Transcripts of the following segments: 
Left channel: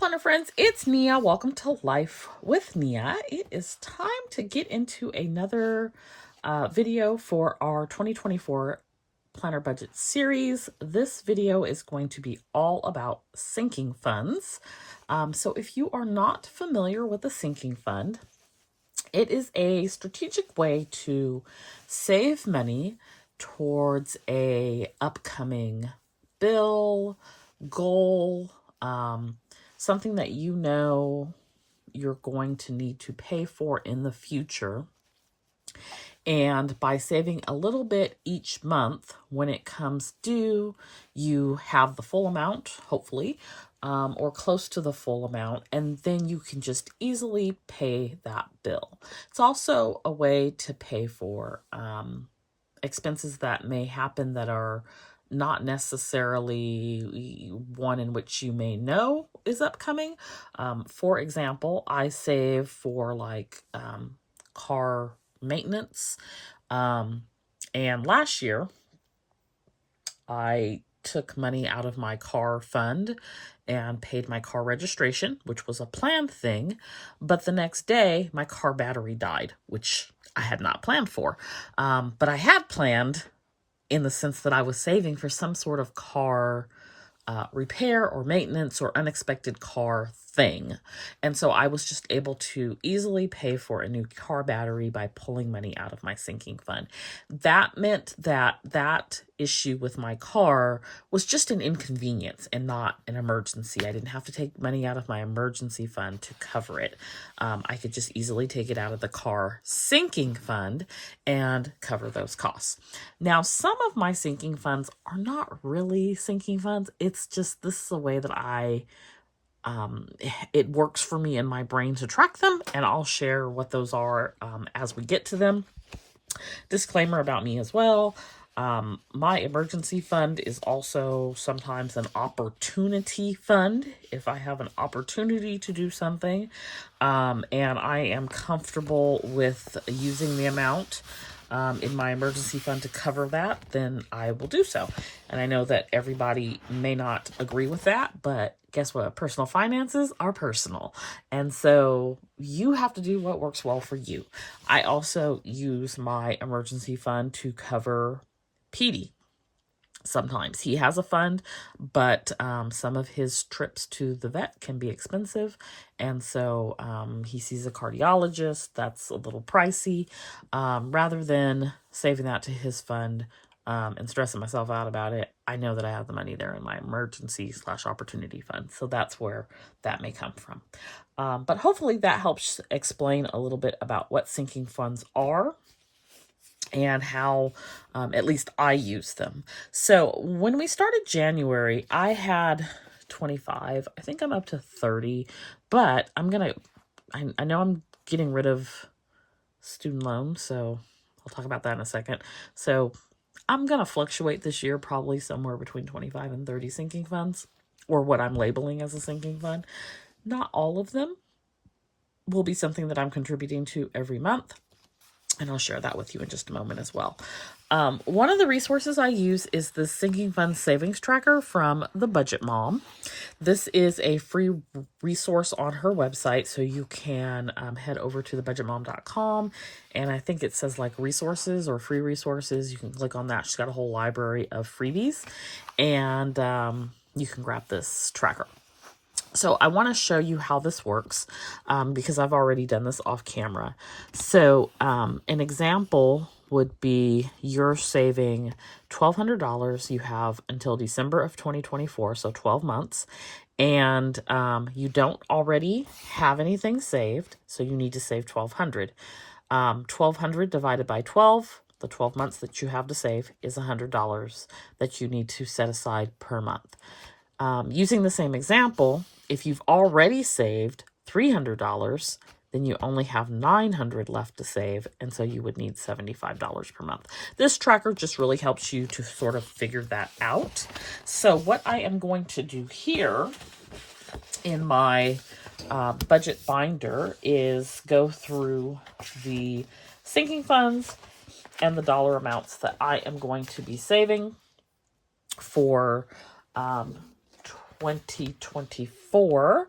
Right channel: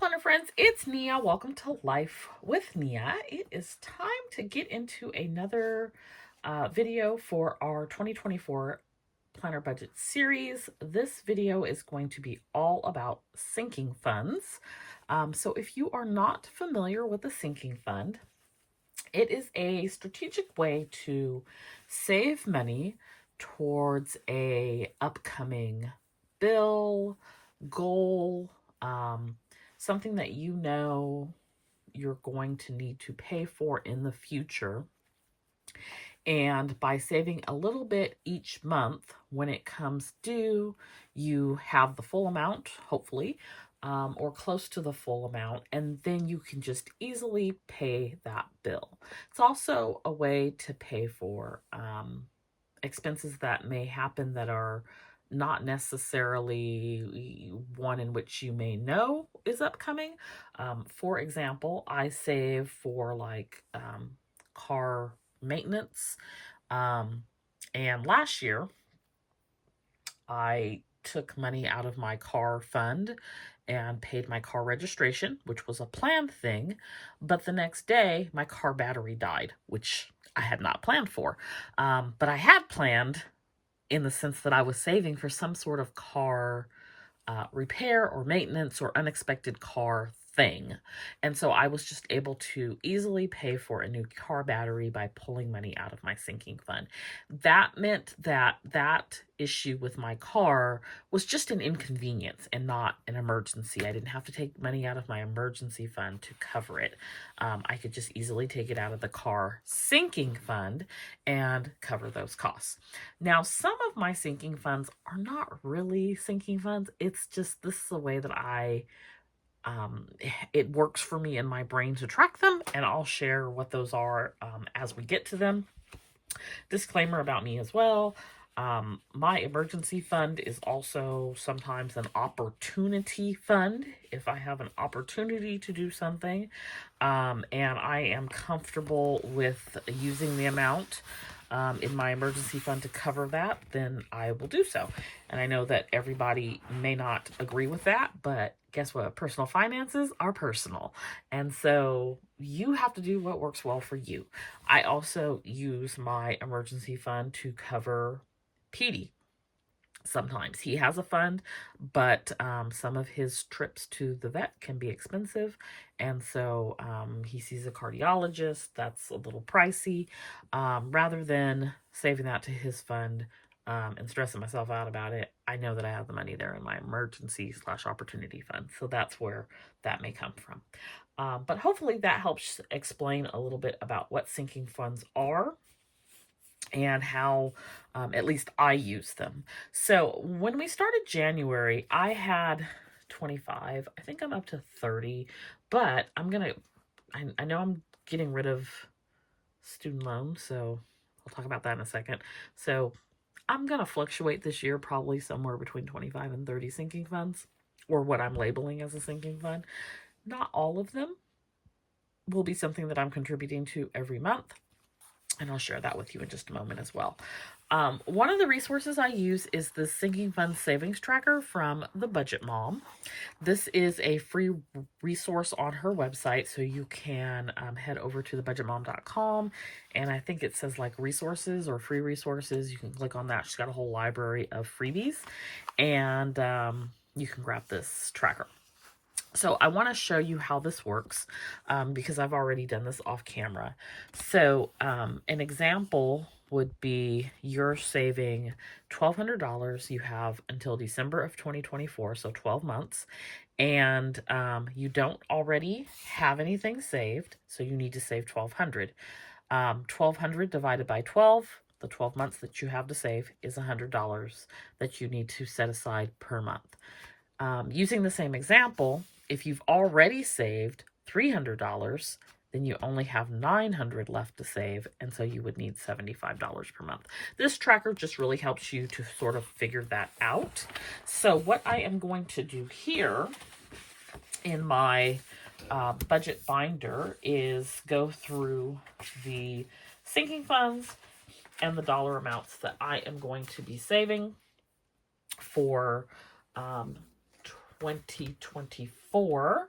planner friends, it's Nia. Welcome to Life with Nia. It is time to get into another video for our 2024 planner budget series. This video is going to be all about sinking funds. So if you are not familiar with a sinking fund, it is a strategic way to save money towards a upcoming bill, goal, something that you know you're going to need to pay for in the future. And by saving a little bit each month, when it comes due, you have the full amount, hopefully, or close to the full amount, and then you can just easily pay that bill. It's also a way to pay for expenses that may happen that are not necessarily one in which you may know is upcoming. For example, I save for car maintenance. And last year, I took money out of my car fund and paid my car registration, which was a planned thing. But the next day, my car battery died, which I had not planned for. But I had planned in the sense that I was saving for some sort of car repair or maintenance or unexpected car thing. And so I was just able to easily pay for a new car battery by pulling money out of my sinking fund. That meant that that issue with my car was just an inconvenience and not an emergency. I didn't have to take money out of my emergency fund to cover it. I could just easily take it out of the car sinking fund and cover those costs. Now, some of my sinking funds are not really sinking funds. It's just, this is a way that it works for me in my brain to track them, and I'll share what those are as we get to them. Disclaimer about me as well. My emergency fund is also sometimes an opportunity fund if I have an opportunity to do something, and I am comfortable with using the amount in my emergency fund to cover that, then I will do so. And I know that everybody may not agree with that, but guess what? Personal finances are personal. And so you have to do what works well for you. I also use my emergency fund to cover Petey. Sometimes he has a fund, but some of his trips to the vet can be expensive. And so he sees a cardiologist. That's a little pricey. Rather than saving that to his fund and stressing myself out about it, I know that I have the money there in my emergency/opportunity fund. So that's where that may come from. But hopefully that helps explain a little bit about what sinking funds are and how at least I use them. So when we started January, I had 25. I think I'm up to 30, but I know I'm getting rid of student loans, so I'll talk about that in a second. So I'm going to fluctuate this year probably somewhere between 25 and 30 sinking funds, or what I'm labeling as a sinking fund. Not all of them will be something that I'm contributing to every month, and I'll share that with you in just a moment as well. One of the resources I use is the Sinking Fund Savings Tracker from the Budget Mom. This is a free resource on her website, so you can head over to thebudgetmom.com, and I think it says like resources or free resources. You can click on that. She's got a whole library of freebies, and you can grab this tracker. So I want to show you how this works because I've already done this off camera. So an example would be you're saving $1,200. You have until December of 2024, so 12 months. And you don't already have anything saved, so you need to save $1,200. $1,200 divided by 12, the 12 months that you have to save, is $100 that you need to set aside per month. Using the same example, if you've already saved $300, then you only have $900 left to save, and so you would need $75 per month. This tracker just really helps you to sort of figure that out. So what I am going to do here in my budget binder is go through the sinking funds and the dollar amounts that I am going to be saving for 2024.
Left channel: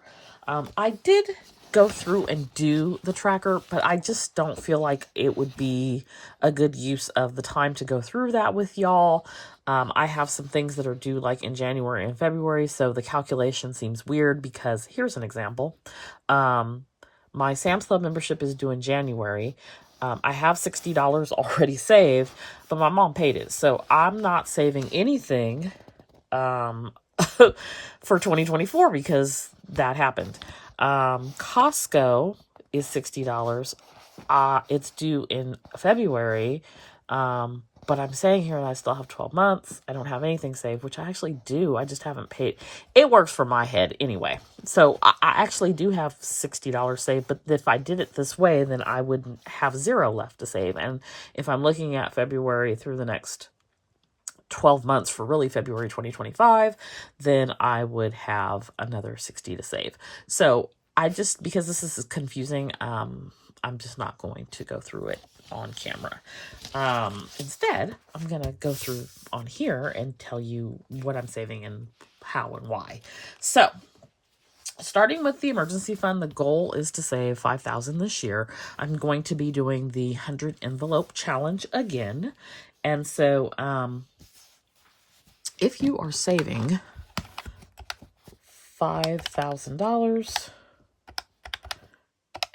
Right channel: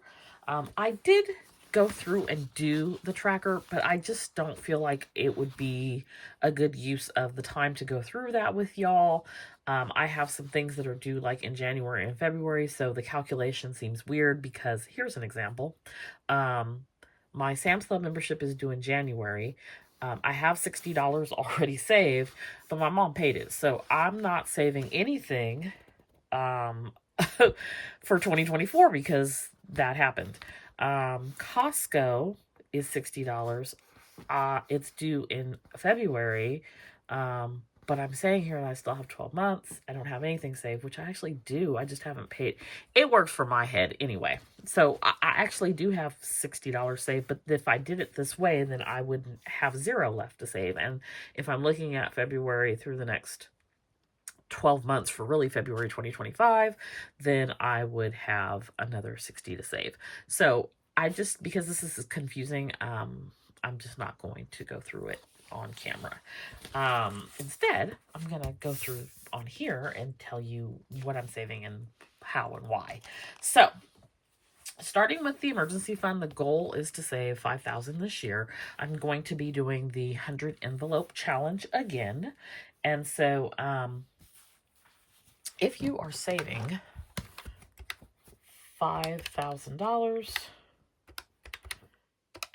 I did go through and do the tracker, but I just don't feel like it would be a good use of the time to go through that with y'all. I have some things that are due like in January and February, so the calculation seems weird because here's an example. My Sam's Club membership is due in January. I have $60 already saved, but my mom paid it, so I'm not saving anything for 2024 because that happened. Costco is $60. It's due in February. But I'm saying here that I still have 12 months. I don't have anything saved, which I actually do. I just haven't paid. It works for my head anyway. So I actually do have $60 saved, but if I did it this way, then I would have zero left to save. And if I'm looking at February through the next 12 months for really February 2025, then I would have another 60 to save. So because this is confusing, I'm just not going to go through it on camera. Instead, I'm going to go through on here and tell you what I'm saving and how and why. So starting with the emergency fund, the goal is to save $5,000 this year. I'm going to be doing the 100 envelope challenge again. And so, if you are saving $5,000,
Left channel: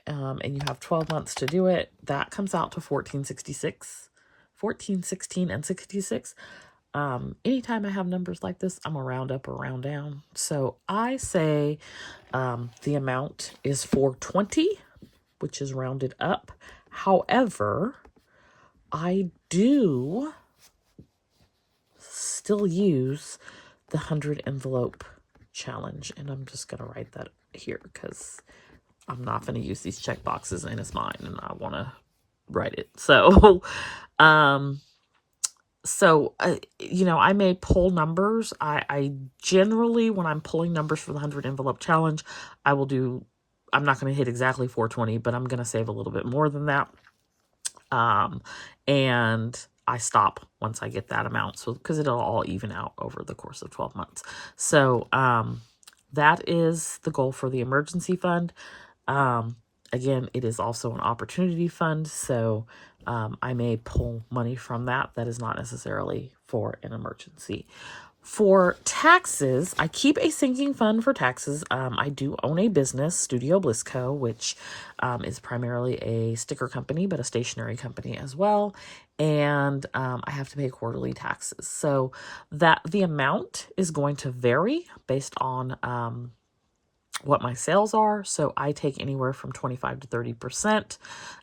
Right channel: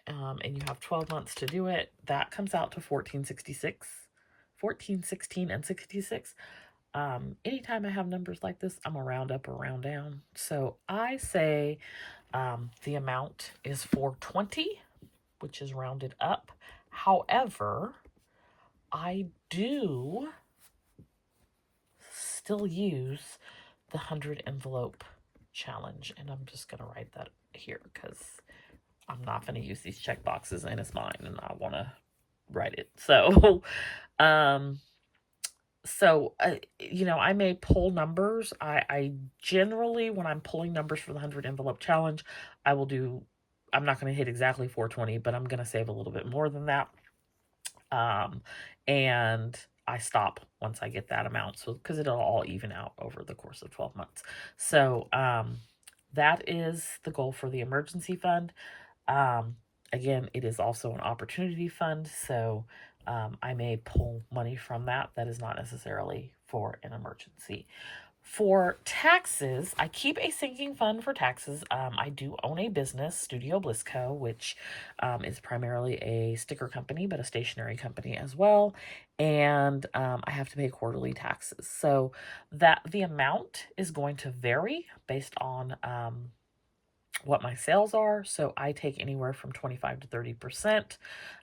and you have 12 months to do it, that comes out to $14.16 and 66. Anytime I have numbers like this, I'm gonna round up or round down. So I say the amount is $420, which is rounded up. However, I do still use the 100 envelope challenge, and I'm just gonna write that here because I'm not going to use these check boxes and it's mine and I want to write it. So, I may pull numbers. I generally, when I'm pulling numbers for the 100 envelope challenge, I'm not going to hit exactly 420, but I'm going to save a little bit more than that. And I stop once I get that amount. So, because it'll all even out over the course of 12 months. So, that is the goal for the emergency fund. Again, it is also an opportunity fund, so I may pull money from that. That is not necessarily for an emergency. For taxes, I keep a sinking fund for taxes. I do own a business, Studio Bliss Co, which is primarily a sticker company, but a stationery company as well. And I have to pay quarterly taxes. So the amount is going to vary based on what my sales are. So I take anywhere from 25 to 30%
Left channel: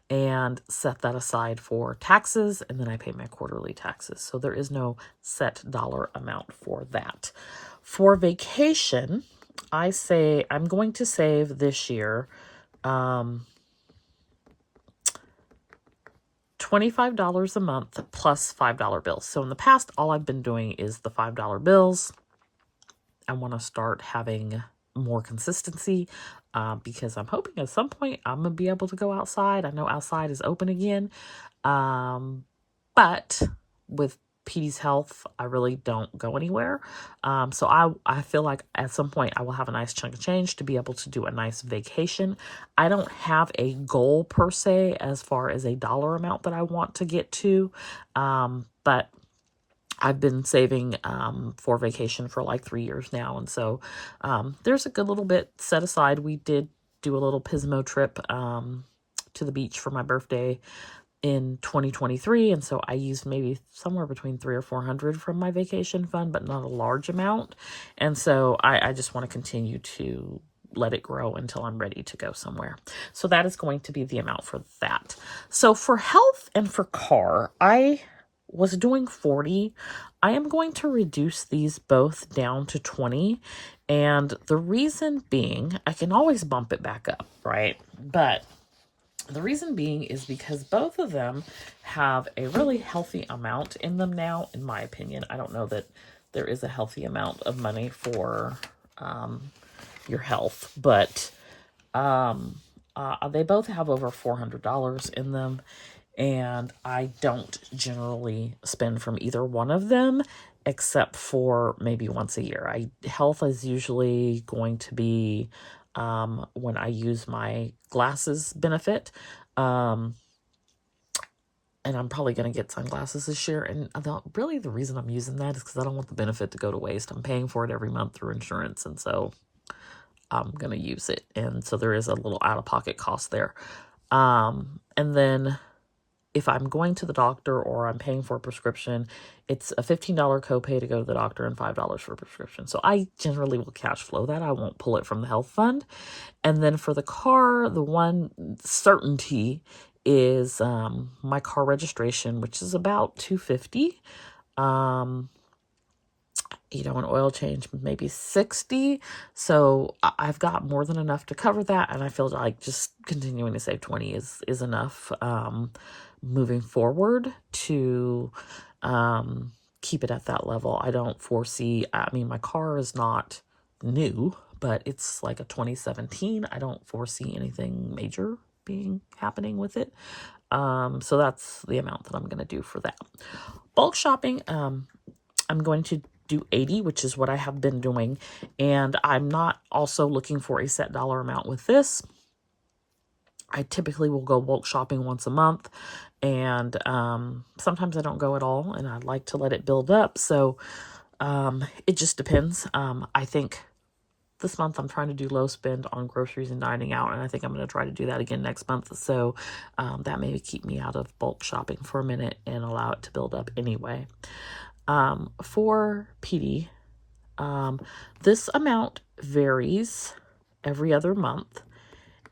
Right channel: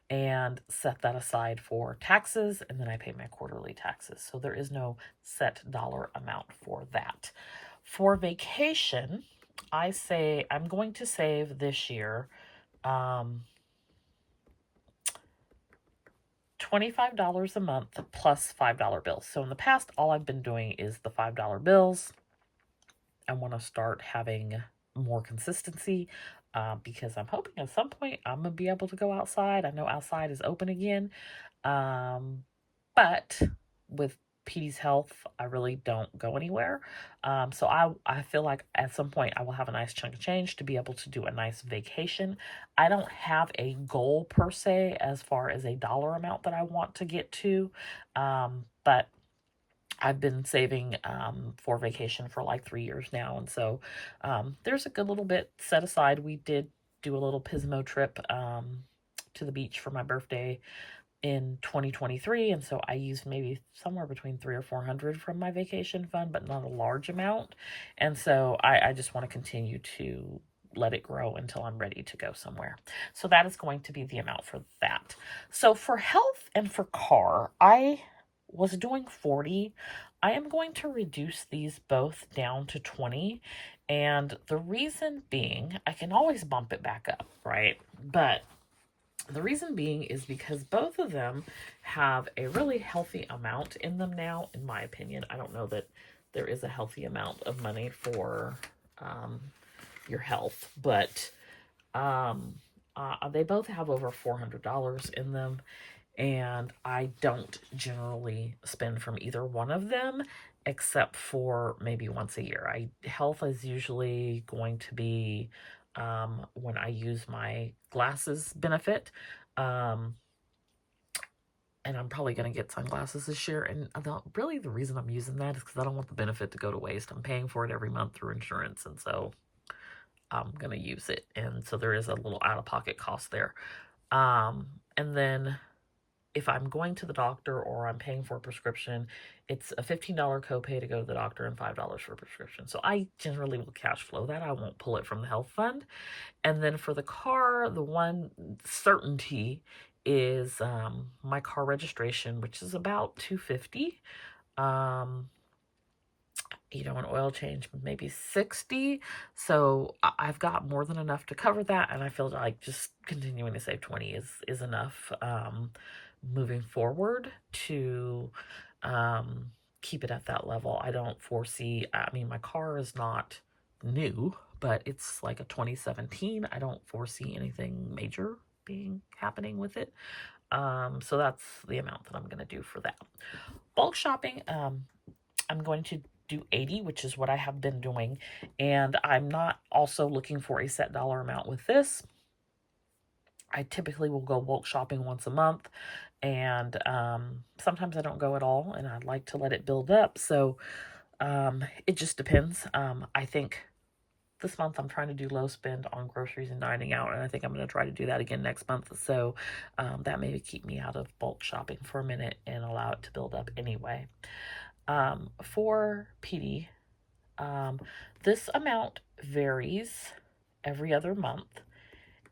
and set that aside for taxes, and then I pay my quarterly taxes. So there is no set dollar amount for that. For vacation, I say I'm going to save this year $25 a month plus $5 bills. So in the past, all I've been doing is the $5 bills. I want to start having more consistency because I'm hoping at some point I'm going to be able to go outside. I know outside is open again. But with Petey's health, I really don't go anywhere. So I feel like at some point I will have a nice chunk of change to be able to do a nice vacation. I don't have a goal per se as far as a dollar amount that I want to get to. But I've been saving for vacation for like 3 years now. And so there's a good little bit set aside. We did do a little Pismo trip to the beach for my birthday in 2023. And so I used maybe somewhere between $300 or $400 from my vacation fund, but not a large amount. And so I just want to continue to let it grow until I'm ready to go somewhere. So that is going to be the amount for that. So for health and for car, I was doing 40. I am going to reduce these both down to 20. And the reason being, I can always bump it back up, right? But the reason being is because both of them have a really healthy amount in them now, in my opinion. I don't know that there is a healthy amount of money for your health, but they both have over $400 in them. And I don't generally spend from either one of them, except for maybe once a year. Health is usually going to be when I use my glasses benefit. And I'm probably going to get sunglasses this year. And really the reason I'm using that is because I don't want the benefit to go to waste. I'm paying for it every month through insurance. And so I'm going to use it. And so there is a little out-of-pocket cost there. And then if I'm going to the doctor or I'm paying for a prescription, it's a $15 copay to go to the doctor and $5 for a prescription. So I generally will cash flow that. I won't pull it from the health fund. And then for the car, the one certainty is my car registration, which is about $250. An oil change, maybe $60. So I've got more than enough to cover that. And I feel like just continuing to save $20 is enough moving forward to keep it at that level. I don't foresee, my car is not new, but it's like a 2017. I don't foresee anything major happening with it. So that's the amount that I'm going to do for that. Bulk shopping, I'm going to do 80, which is what I have been doing. And I'm not also looking for a set dollar amount with this. I typically will go bulk shopping once a month. And sometimes I don't go at all. And I'd like to let it build up. So it just depends. I think this month I'm trying to do low spend on groceries and dining out. And I think I'm going to try to do that again next month. So that may keep me out of bulk shopping for a minute and allow it to build up anyway. For PD, this amount varies every other month.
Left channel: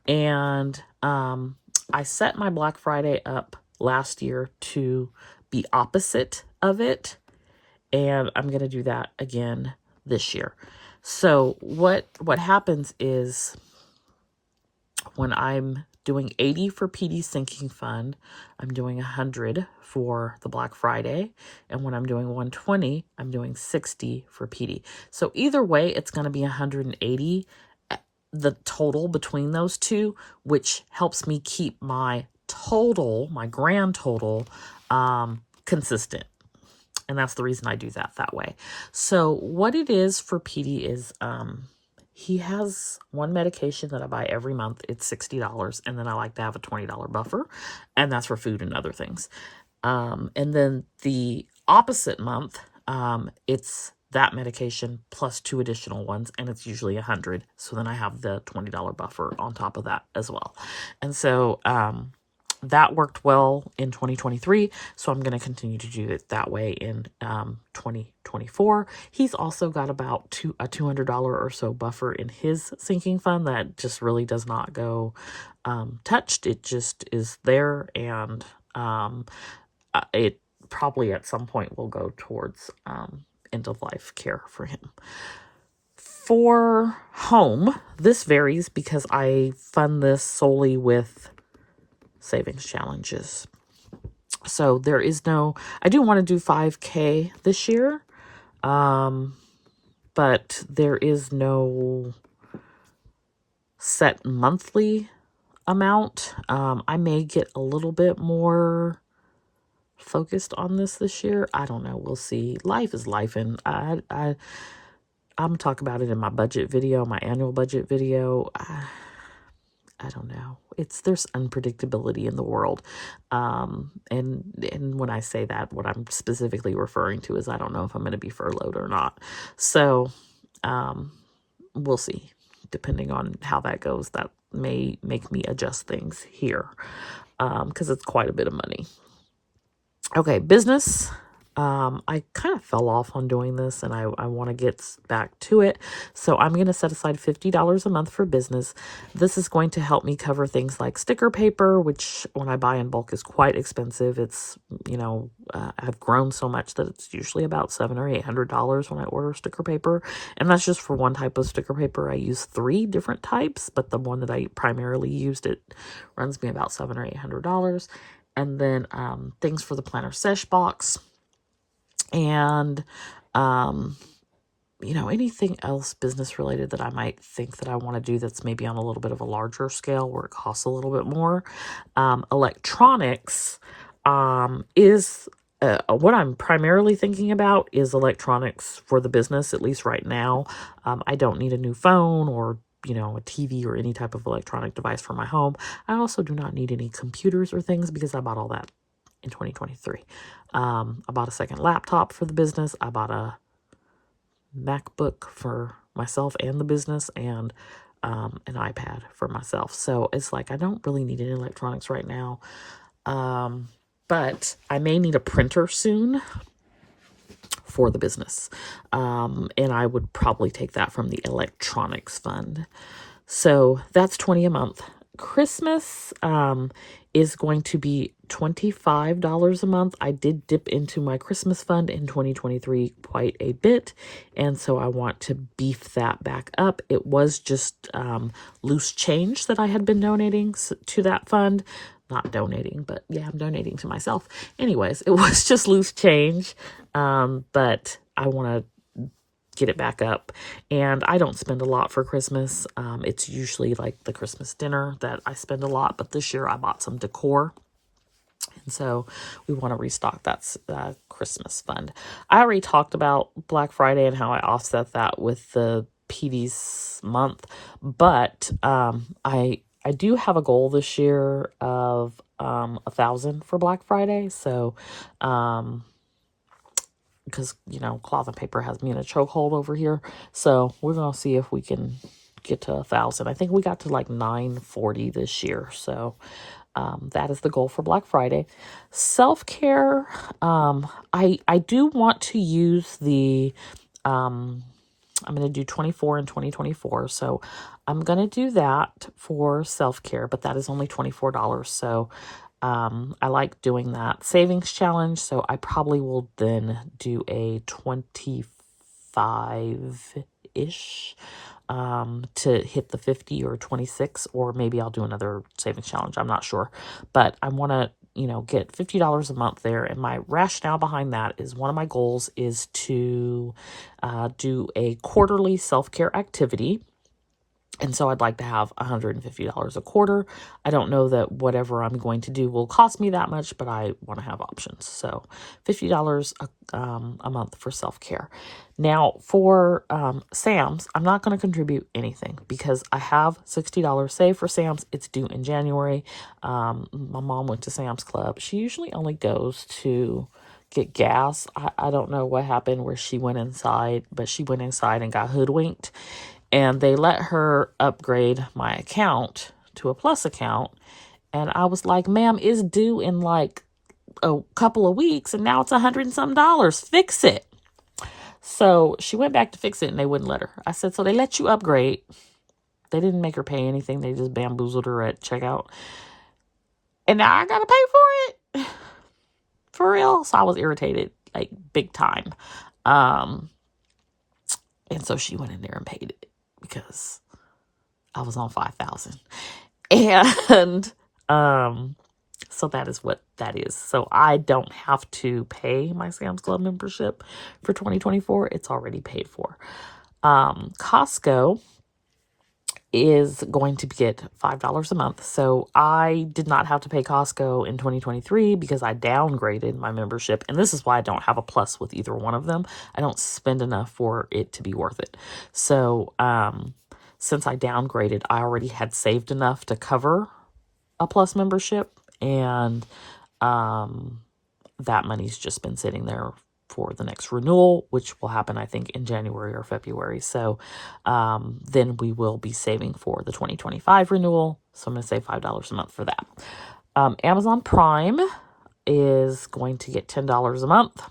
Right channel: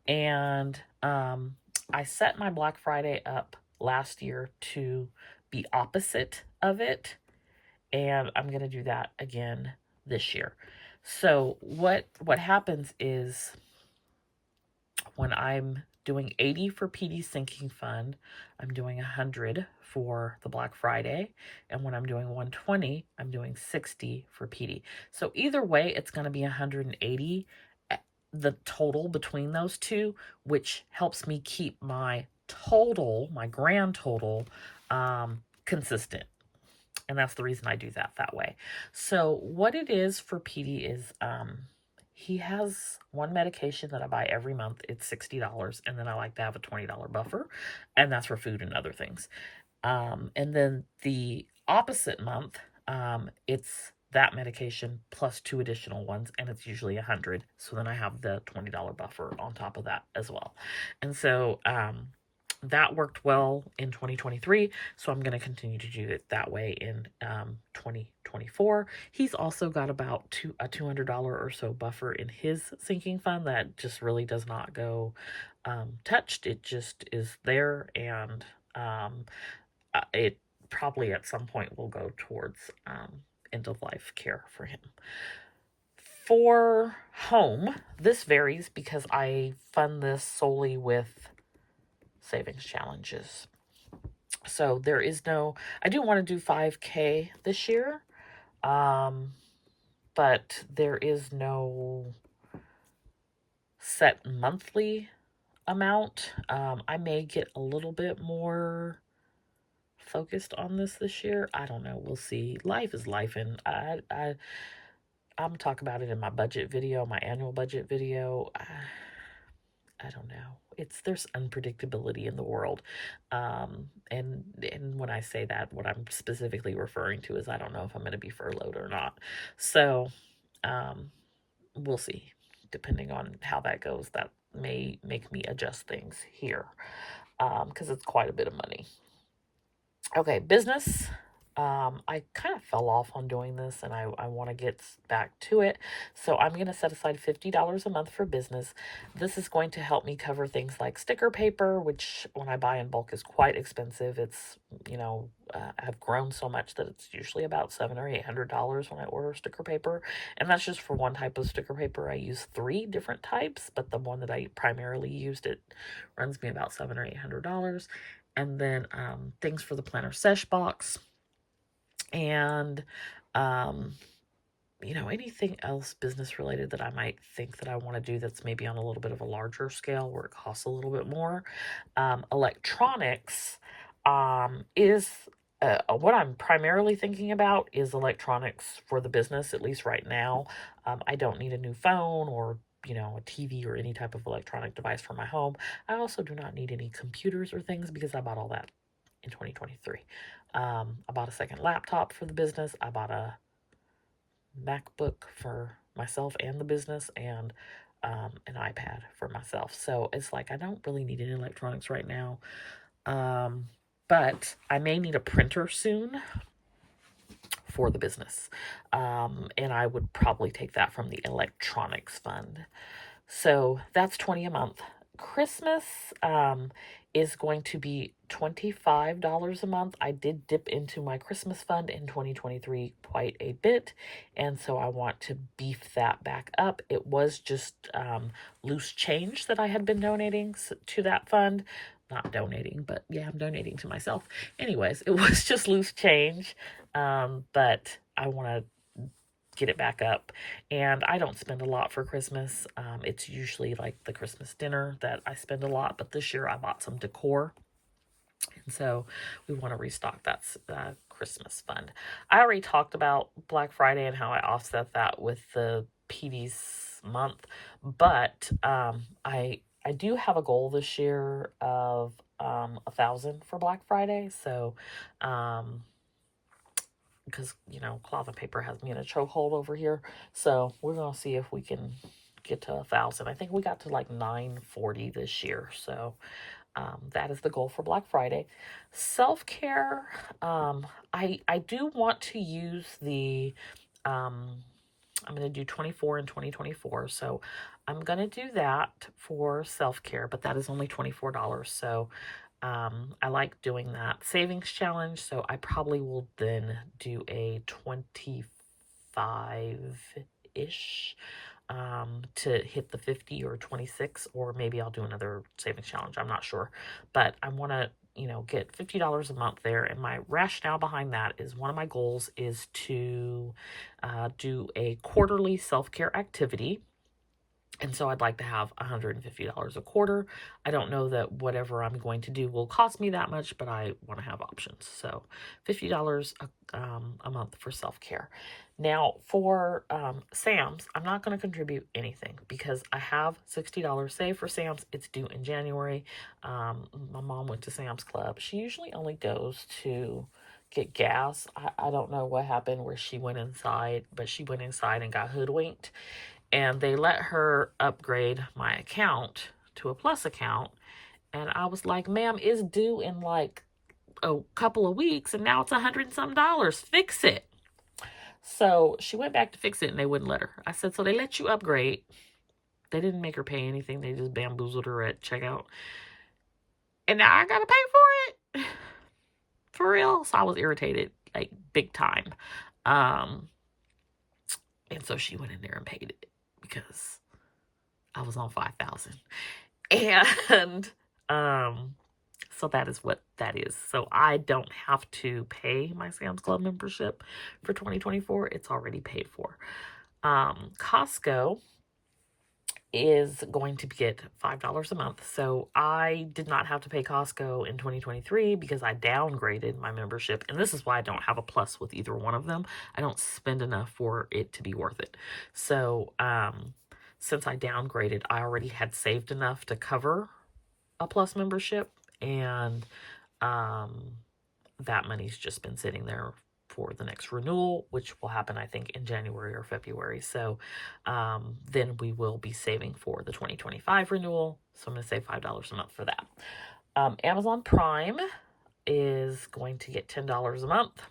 And I set my Black Friday up last year to be opposite of it. And I'm going to do that again this year. So what happens is when I'm doing 80 for PD sinking fund, I'm doing 100 for the Black Friday. And when I'm doing 120, I'm doing 60 for PD. So either way, it's going to be 180, the total between those two, which helps me keep my grand total, consistent. And that's the reason I do that way. So what it is for PD is, he has one medication that I buy every month. It's $60. And then I like to have a $20 buffer. And that's for food and other things. And then the opposite month, it's that medication plus 2 additional ones. And it's usually 100. So then I have the $20 buffer on top of that as well. And so, that worked well in 2023, so I'm going to continue to do it that way in 2024. He's also got about a $200 or so buffer in his sinking fund that just really does not go touched. It just is there, and it probably at some point will go towards end-of-life care for him. For home, this varies because I fund this solely with savings challenges. So there is I do want to do 5K this year, but there is no set monthly amount. I may get a little bit more focused on this year. I don't know. We'll see. Life is life, and I'm gonna talk about it in my budget video, my annual budget video. I don't know. There's unpredictability in the world. And when I say that, what I'm specifically referring to is I don't know if I'm going to be furloughed or not. So, we'll see. Depending on how that goes, that may make me adjust things here. Because it's quite a bit of money. Okay, business. I kind of fell off on doing this, and I want to get back to it. So I'm going to set aside $50 a month for business. This is going to help me cover things like sticker paper, which when I buy in bulk is quite expensive. It's, I've grown so much that it's usually about $700 or $800 when I order sticker paper. And that's just for one type of sticker paper. I use 3 different types, but the one that I primarily used, it runs me about $700 or $800. And then things for the planner sesh box. And, anything else business related that I might think that I want to do that's maybe on a little bit of a larger scale where it costs a little bit more. Electronics is what I'm primarily thinking about is electronics for the business, at least right now. I don't need a new phone or a TV or any type of electronic device for my home. I also do not need any computers or things because I bought all that in 2023. I bought a second laptop for the business. I bought a MacBook for myself and the business, and an iPad for myself. So it's like I don't really need any electronics right now. But I may need a printer soon for the business. And I would probably take that from the electronics fund. So that's $20 a month. Christmas is going to be $25 a month. I did dip into my Christmas fund in 2023 quite a bit, and so I want to beef that back up. It was just loose change that I had been donating to that fund. Not donating, but yeah, I'm donating to myself. Anyways, it was just loose change, but I want to get it back up. And I don't spend a lot for Christmas. It's usually like the Christmas dinner that I spend a lot, but this year I bought some decor. And so we want to restock that Christmas fund. I already talked about Black Friday and how I offset that with the PD's month, but I do have a goal this year of 1,000 for Black Friday. So because, cloth and paper has me in a chokehold over here. So we're going to see if we can get to 1,000. I think we got to like 940 this year. So that is the goal for Black Friday. Self-care, I do want to use the, I'm going to do 24 in 2024. So I'm going to do that for self-care, but that is only $24. So I like doing that savings challenge. So I probably will then do a 25-ish to hit the 50 or 26, or maybe I'll do another savings challenge. I'm not sure, but I want to, get $50 a month there. And my rationale behind that is one of my goals is to do a quarterly self-care activity. And so I'd like to have $150 a quarter. I don't know that whatever I'm going to do will cost me that much, but I want to have options. So $50 a month for self-care. Now for Sam's, I'm not going to contribute anything because I have $60 saved for Sam's. It's due in January. My mom went to Sam's Club. She usually only goes to get gas. I don't know what happened where she went inside, but she went inside and got hoodwinked. And they let her upgrade my account to a Plus account. And I was like, ma'am, it's due in like a couple of weeks. And now it's $100 and some. Fix it. So she went back to fix it and they wouldn't let her. I said, so they let you upgrade. They didn't make her pay anything. They just bamboozled her at checkout. And now I got to pay for it. For real. So I was irritated, like big time. And so she went in there and paid it, because I was on 5,000. And so that is what that is. So I don't have to pay my Sam's Club membership for 2024. It's already paid for. Costco is going to get $5 a month. So I did not have to pay Costco in 2023 because I downgraded my membership. And this is why I don't have a Plus with either one of them. I don't spend enough for it to be worth it. So since I downgraded, I already had saved enough to cover a Plus membership. And that money's just been sitting there for the next renewal, which will happen, I think, in January or February. So then we will be saving for the 2025 renewal. So I'm going to save $5 a month for that. Amazon Prime is going to get $10 a month.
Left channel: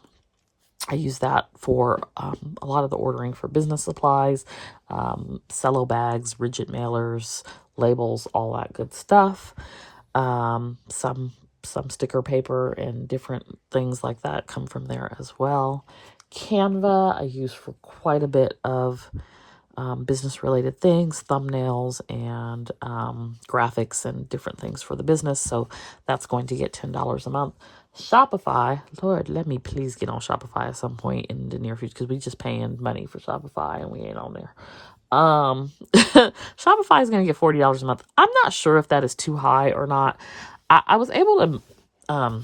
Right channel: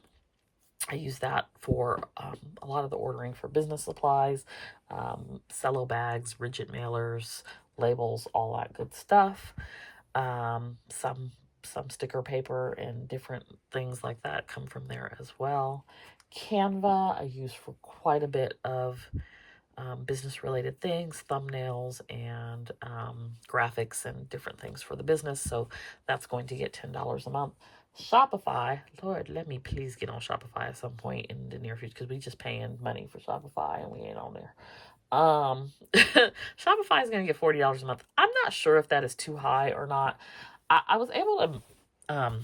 I use that for a lot of the ordering for business supplies, cello bags, rigid mailers, labels, all that good stuff. Some sticker paper and different things like that come from there as well. Canva I use for quite a bit of business related things, thumbnails and graphics and different things for the business. So that's going to get $10 a month. Shopify, Lord, let me please get on Shopify at some point in the near future, because we just paying money for Shopify and we ain't on there. Shopify is going to get $40 a month. I'm not sure if that is too high or not. I was able to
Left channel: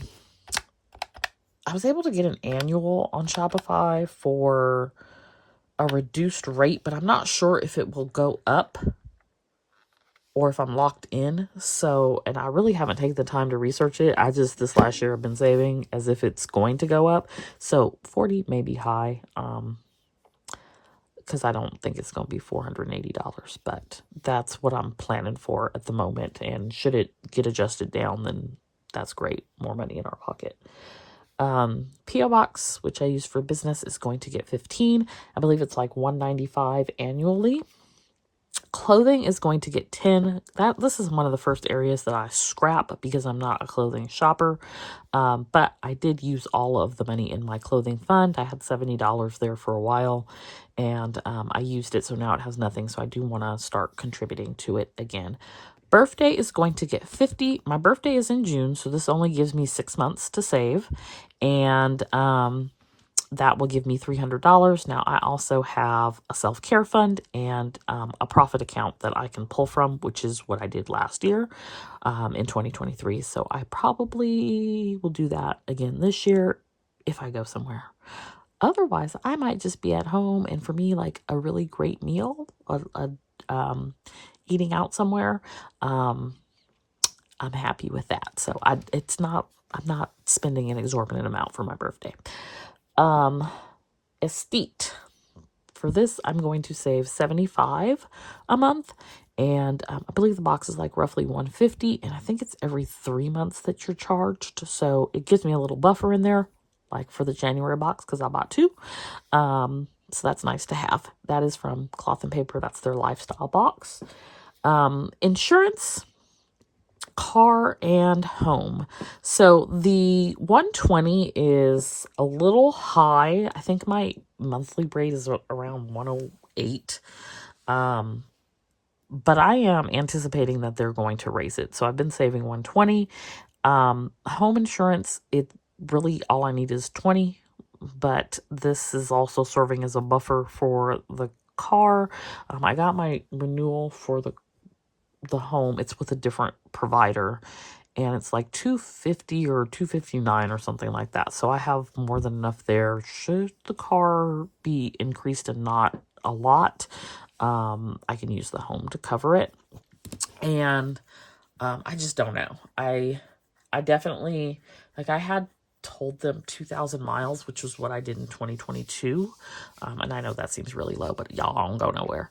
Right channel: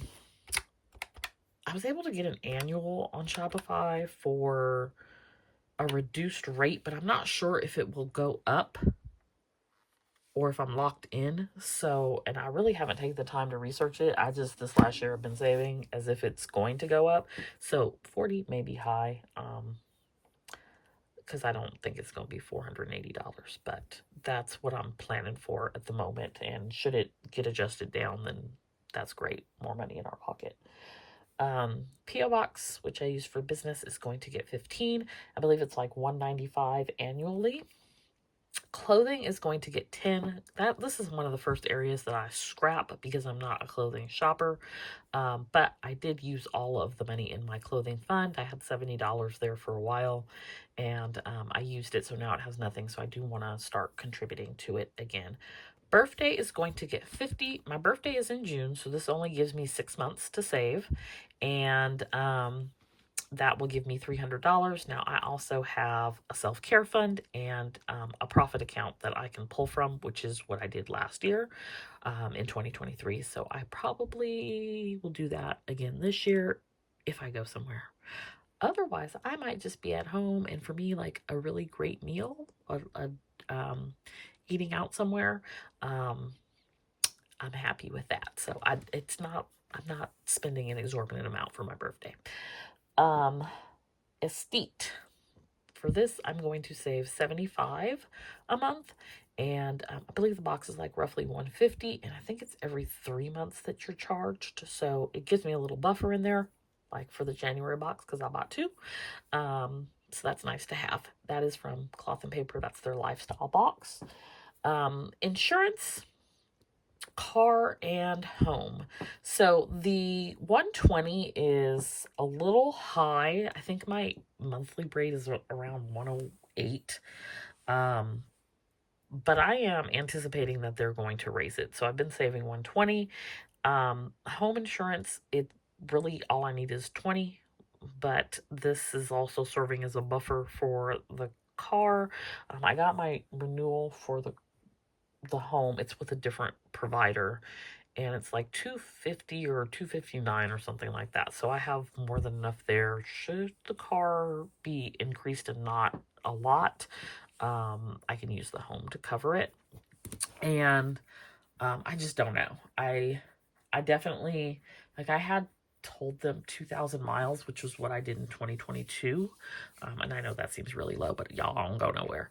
get an annual on Shopify for a reduced rate, but I'm not sure if it will go up or if I'm locked in. So, and I really haven't taken the time to research it. This last year I've been saving as if it's going to go up. So 40 may be high. Because I don't think it's going to be $480, but that's what I'm planning for at the moment. And should it get adjusted down, then that's great. More money in our pocket. P.O. Box, which I use for business, is going to get 15. I believe it's like $195 annually. Clothing is going to get 10. This is one of the first areas that I scrap because I'm not a clothing shopper. But I did use all of the money in my clothing fund. I had $70 there for a while, and I used it, so now it has nothing. So I do want to start contributing to it again. Birthday is going to get 50. My birthday is in June, so this only gives me 6 months to save, and that will give me $300. Now, I also have a self-care fund and a profit account that I can pull from, which is what I did last year in 2023. So I probably will do that again this year if I go somewhere. Otherwise, I might just be at home, and for me, like a really great meal, eating out somewhere, I'm happy with that. So I'm not spending an exorbitant amount for my birthday. Estate. For this, I'm going to save $75 a month, and I believe the box is like roughly $150, and I think it's every 3 months that you're charged, so it gives me a little buffer in there, like for the January box, because I bought 2, so that's nice to have. That is from Cloth and Paper. That's their lifestyle box. Insurance, car and home. So the 120 is a little high. I think my monthly rate is around 108. But I am anticipating that they're going to raise it. So I've been saving 120. Home insurance, it really all I need is 20, but this is also serving as a buffer for the car. I got my renewal for the home. It's with a different provider, and it's like $250 or $259 or something like that. So I have more than enough there. Should the car be increased and not a lot, I can use the home to cover it. And I just don't know. I definitely, like, I had told them 2,000 miles, which was what I did in 2022. And I know that seems really low, but y'all don't go nowhere.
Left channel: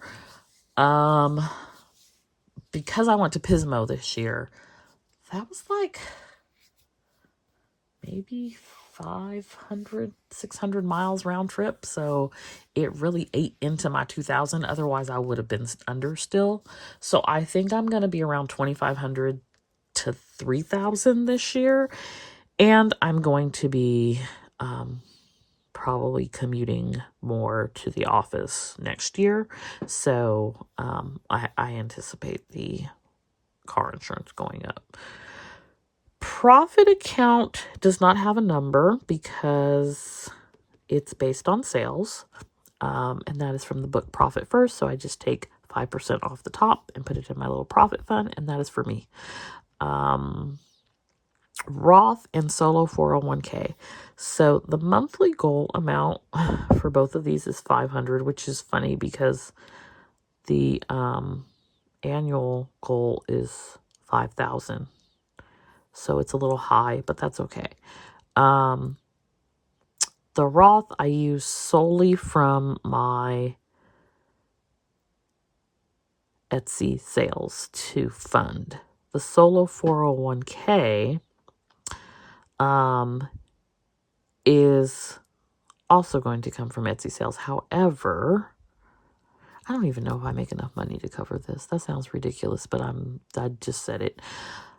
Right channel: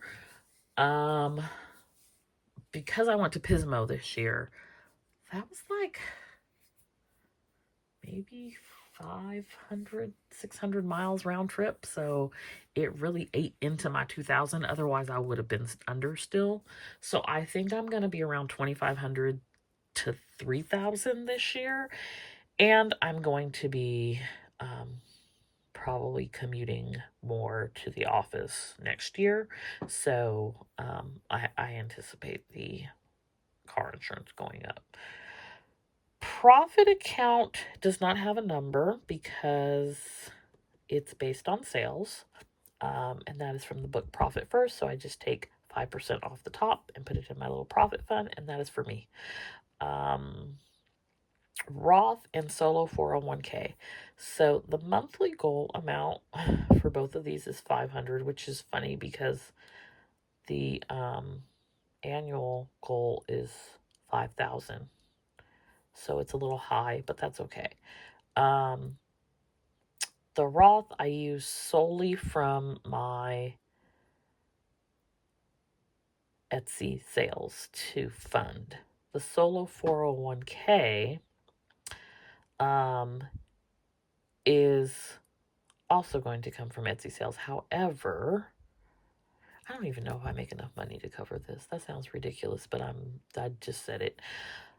Because I went to Pismo this year, that was like maybe 500, 600 miles round trip. So it really ate into my 2,000. Otherwise, I would have been under still. So I think I'm going to be around 2,500 to 3,000 this year. And I'm going to be probably commuting more to the office next year. So I anticipate the car insurance going up. Profit account does not have a number because it's based on sales. And that is from the book Profit First. So I just take 5% off the top and put it in my little profit fund, and that is for me. Roth and solo 401k. So the monthly goal amount for both of these is $500, which is funny because the annual goal is $5,000. So it's a little high, but that's okay. The Roth I use solely from my Etsy sales to fund. The solo 401k is also going to come from Etsy sales. However, I don't even know if I make enough money to cover this. That sounds ridiculous, but I just said it.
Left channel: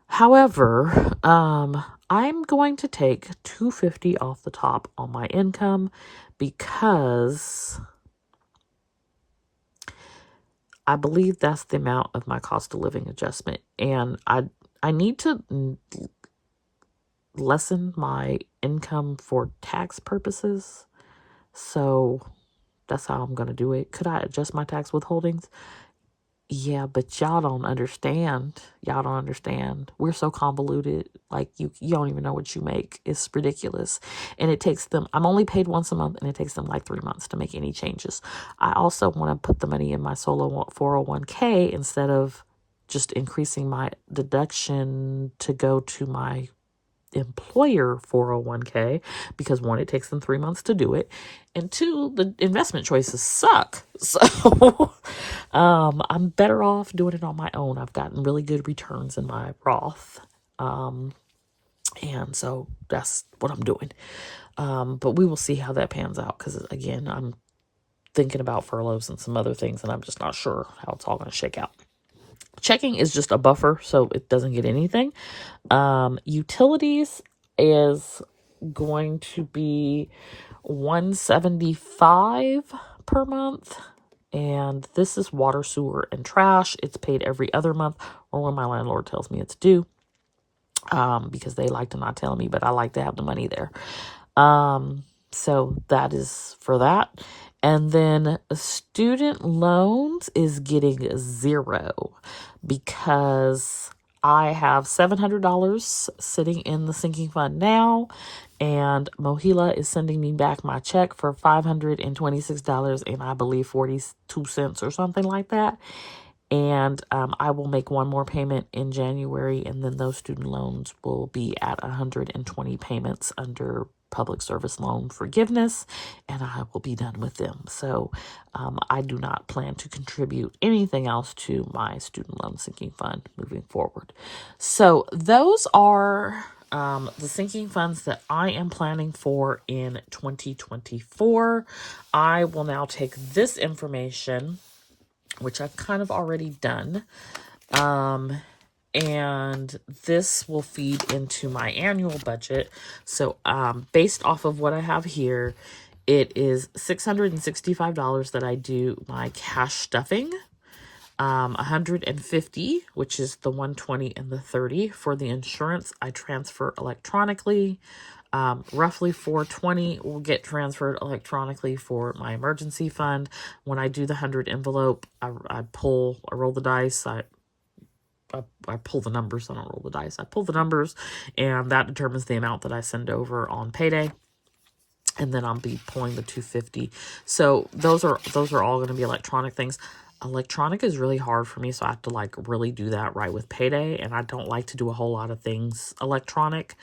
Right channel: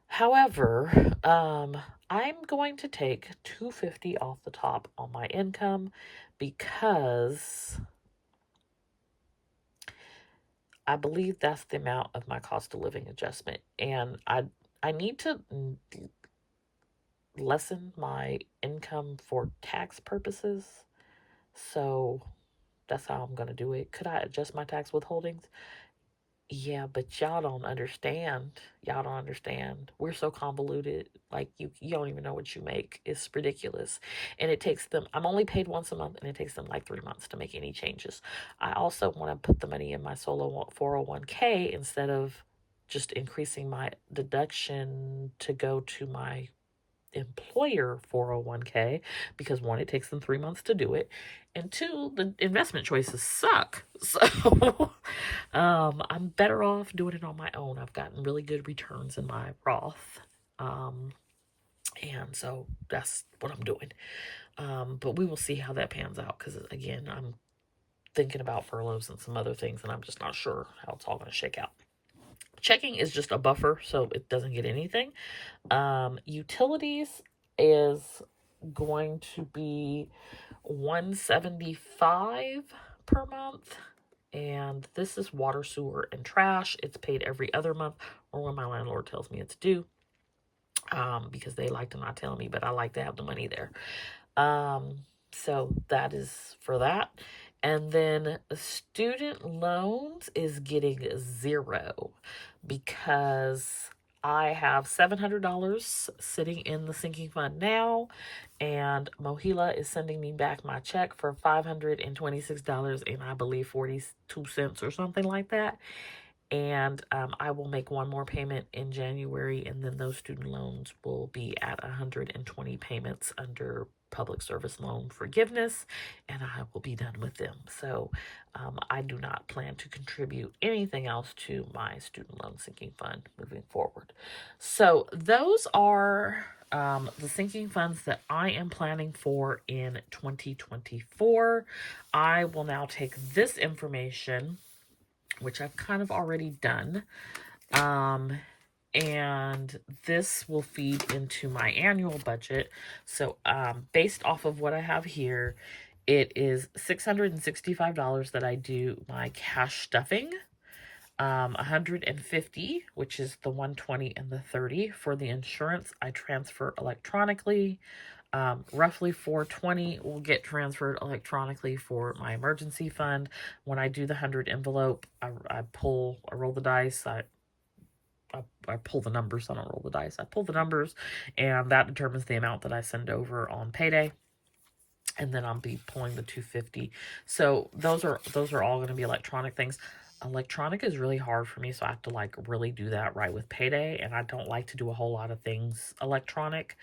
However, I'm going to take $250 off the top on my income because I believe that's the amount of my cost of living adjustment, and I need to lessen my income for tax purposes. So that's how I'm going to do it. Could I adjust my tax withholdings? Yeah, but y'all don't understand. Y'all don't understand. We're so convoluted. Like, you don't even know what you make. It's ridiculous. And it takes them, I'm only paid once a month, and it takes them like 3 months to make any changes. I also want to put the money in my solo 401k instead of just increasing my deduction to go to my employer 401k because one, it takes them 3 months to do it, and two, the investment choices suck. So I'm better off doing it on my own. I've gotten really good returns in my Roth. And so that's what I'm doing. But we will see how that pans out because, again, I'm thinking about furloughs and some other things, and I'm just not sure how it's all going to shake out. Checking is just a buffer, so it doesn't get anything. Utilities is going to be $175 per month. And this is water, sewer, and trash. It's paid every other month or when my landlord tells me it's due. Because they like to not tell me, but I like to have the money there. So that is for that. And then student loans is getting 0 because I have $700 sitting in the sinking fund now, and Mohila is sending me back my check for $526 and I believe 42 cents or something like that. And I will make one more payment in January, and then those student loans will be at 120 payments under public service loan forgiveness, and I will be done with them. So I do not plan to contribute anything else to my student loan sinking fund moving forward. So those are the sinking funds that I am planning for in 2024. I will now take this information, which I've kind of already done, and this will feed into my annual budget. So based off of what I have here, it is $665 that I do my cash stuffing, 150, which is the 120 and the 30 for the insurance I transfer electronically. Roughly $420 will get transferred electronically for my emergency fund. When I do the 100 envelope, I roll the dice. I pull the numbers. I don't roll the dice. I pull the numbers, and that determines the amount that I send over on payday. And then I'll be pulling the 250. So those are all going to be electronic things. Electronic is really hard for me, so I have to like really do that right with payday, and I don't like to do a whole lot of things electronic.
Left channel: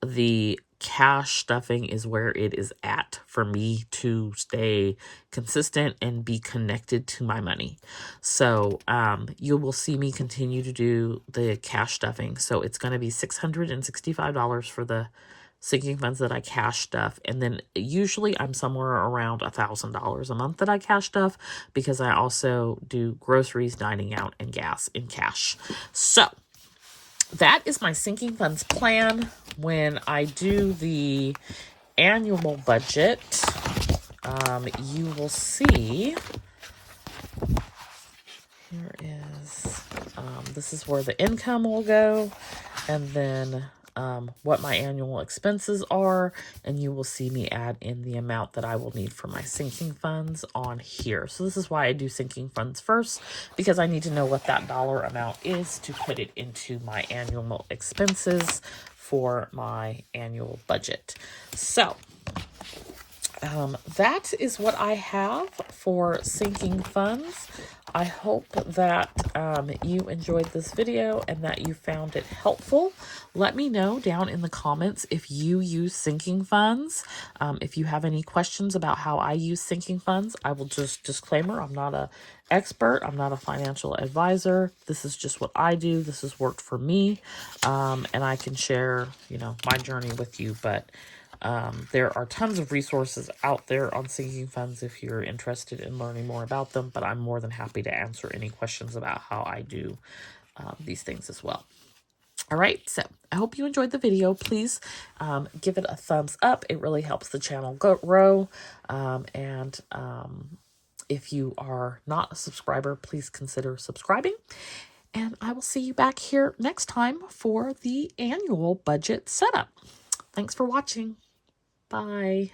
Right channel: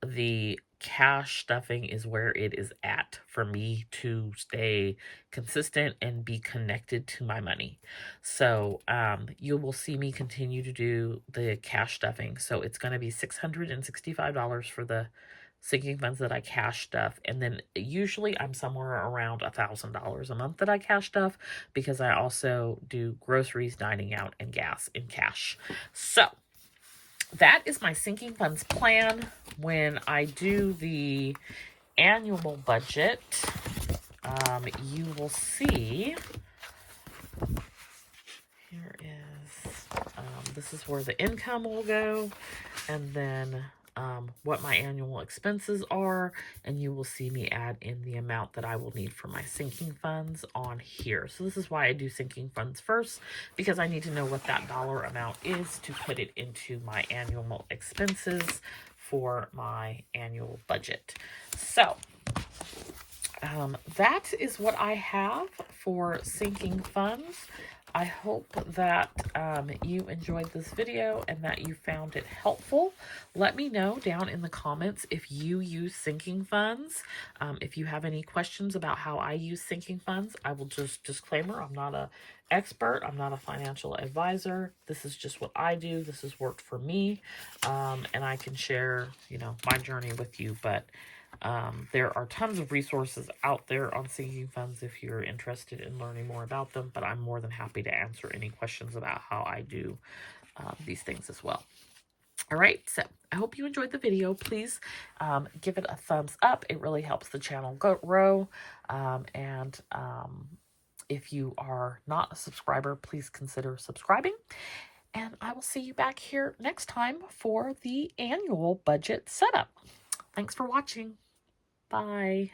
The cash stuffing is where it is at for me to stay consistent and be connected to my money. So you will see me continue to do the cash stuffing. So it's going to be $665 for the sinking funds that I cash stuff. And then usually I'm somewhere around $1,000 a month that I cash stuff because I also do groceries, dining out, and gas in cash. So that is my sinking funds plan. When I do the annual budget, you will see, here is, this is where the income will go, and then what my annual expenses are, and you will see me add in the amount that I will need for my sinking funds on here. So this is why I do sinking funds first, because I need to know what that dollar amount is to put it into my annual expenses for my annual budget. So that is what I have for sinking funds. I hope that you enjoyed this video and that you found it helpful. Let me know down in the comments if you use sinking funds. If you have any questions about how I use sinking funds, I will just disclaimer, I'm not an expert. I'm not a financial advisor. This is just what I do. This has worked for me, and I can share, my journey with you. But there are tons of resources out there on sinking funds if you're interested in learning more about them, but I'm more than happy to answer any questions about how I do these things as well. All right, so I hope you enjoyed the video. Please give it a thumbs up. It really helps the channel grow. And if you are not a subscriber, please consider subscribing. And I will see you back here next time for the annual budget setup. Thanks for watching. Bye.